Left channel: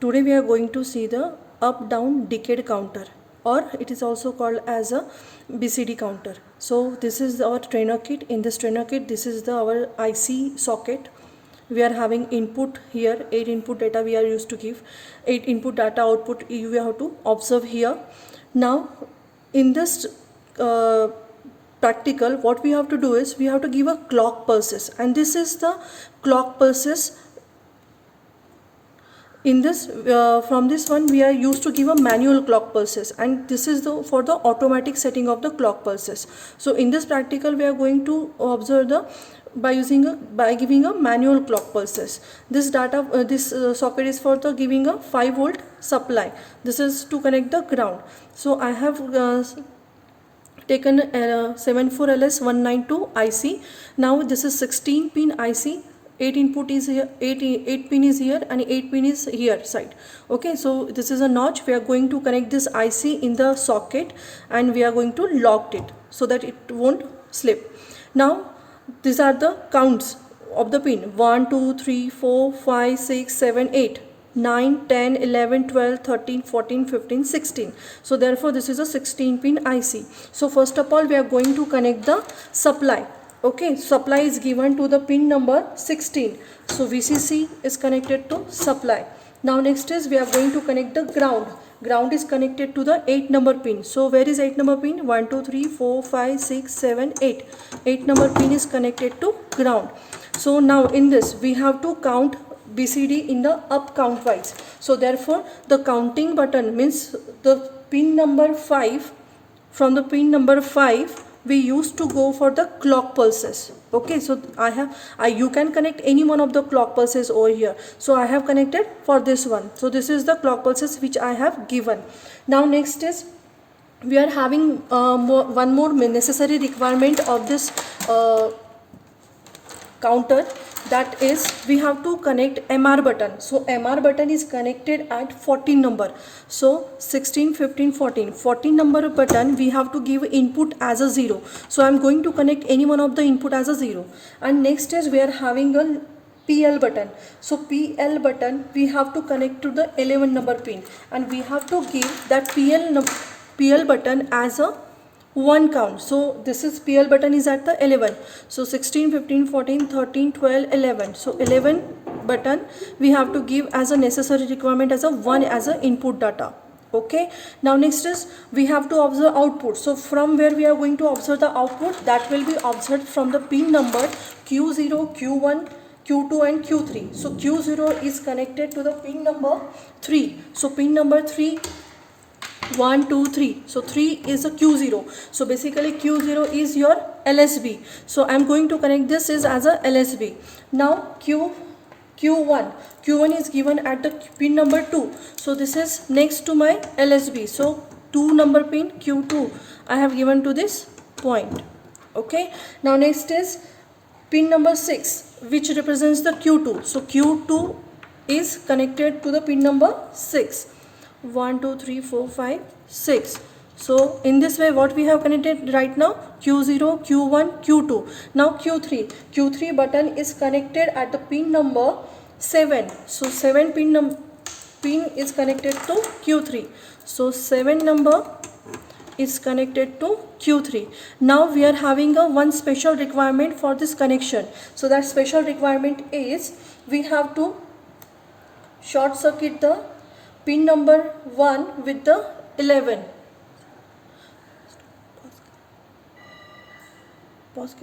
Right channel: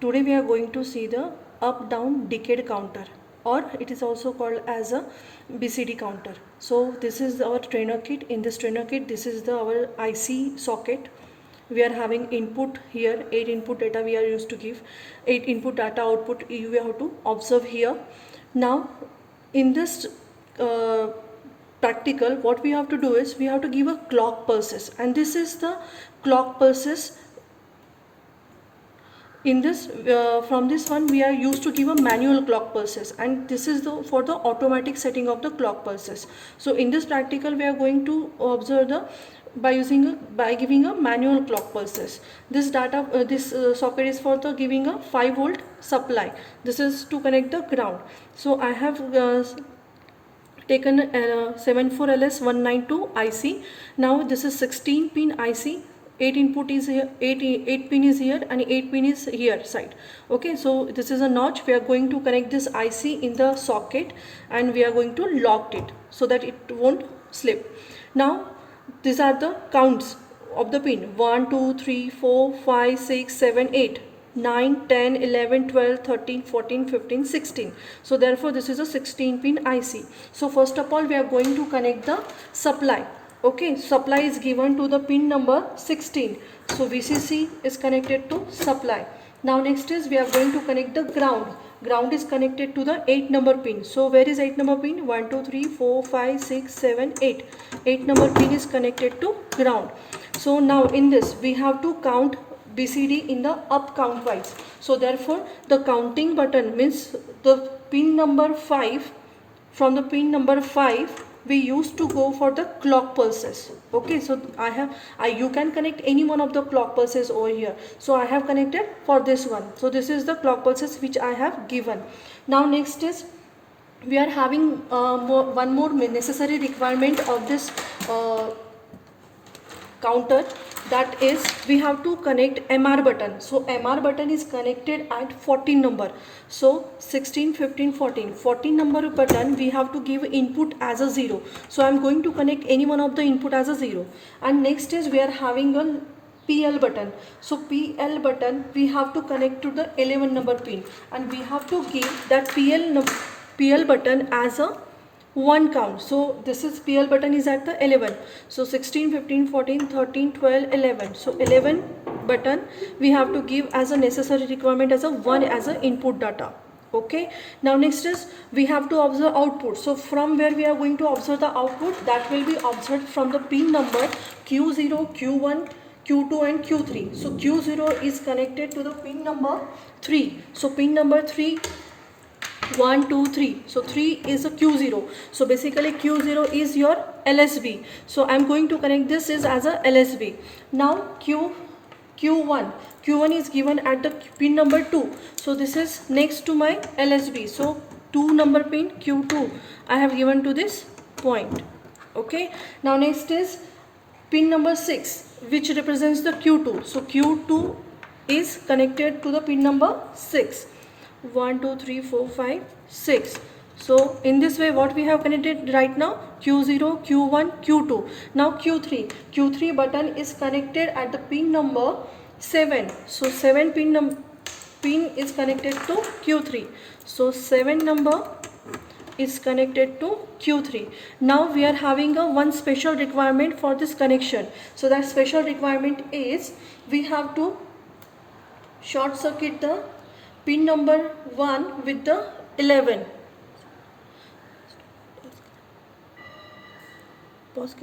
Today we are going to see the up down decade counter, or it is also called as a BCD counter. So this is our trainer kit. In this trainer kit, this is our IC socket. We are having input here, 8 input data we are used to give, 8 input data output you have to observe here. Now in this practical, what we have to do is we have to give a clock pulses, and this is the clock pulses. In this from this one we are used to give a manual clock pulses, and this is for the automatic setting of the clock pulses. So in this practical we are going to observe the by giving a manual clock pulses. This socket is for the giving a 5 volt supply. This is to connect the ground. So I have taken 74LS192 IC. Now this is 16 pin IC. 8 input is here, 8 pin is here, and 8 pin is here side. Okay, so this is a notch. We are going to connect this IC in the socket, and we are going to lock it so that it won't slip. Now these are the counts of the pin: 1 2 3 4 5 6 7 8 9 10 11 12 13 14 15 16. So therefore this is a 16 pin IC. So first of all we are going to connect the supply. Okay, supply is given to the pin number 16. So VCC is connected to supply. Now next is we are going to connect the ground. Ground is connected to the 8 number pin. So where is 8 number pin? 1 2 3 4 5 6 7 8. 8 number pin is connected to ground. So now in this we have to count BCD in the up count wise. So therefore the counting button means the pin number 5. From the pin number 5 we used to go for the clock pulses. Okay, so you can connect any one of the clock pulses over here. So I have connected for this one. So this is the clock pulses which I have given. Now next is we are having one more necessary requirement of this counter, that is we have to connect MR button. So MR button is connected at 14 number. So 16 15 14 14 number button we have to give input as a 0. So I am going to connect any one of the input as a 0. And next is we are having a PL button. So PL button we have to connect to the 11 number pin, and we have to give that PL button as a 1 count. So this is PL button is at the 11. So 16 15 14 13 12 11. So 11 button we have to give as a necessary requirement as a 1 as a input data. Okay, now next is we have to observe output. So from where we are going to observe the output, that will be observed from the pin number Q0 Q1 Q2 and Q3. So Q0 is connected to the pin number 3. So pin number 3 1 2 3. So 3 is a Q0. So basically Q0 is your LSB. So I am going to connect this is as a LSB. Now Q1 is given at the pin number 2. So this is next to my LSB. So 2 number pin Q2 I have given to this point. Okay, now next is pin number 6, which represents the Q2. So Q2 is connected to the pin number 6. 1 2 3 4 5 6. So in this way what we have connected right now: Q0 Q1 Q2. Now Q3 button is connected at the pin number 7. So 7 pin is connected to Q3. So 7 number is connected to Q3. Now we are having a one special requirement for this connection. So that special requirement is we have to short circuit the pin number 1 with the 11. Pause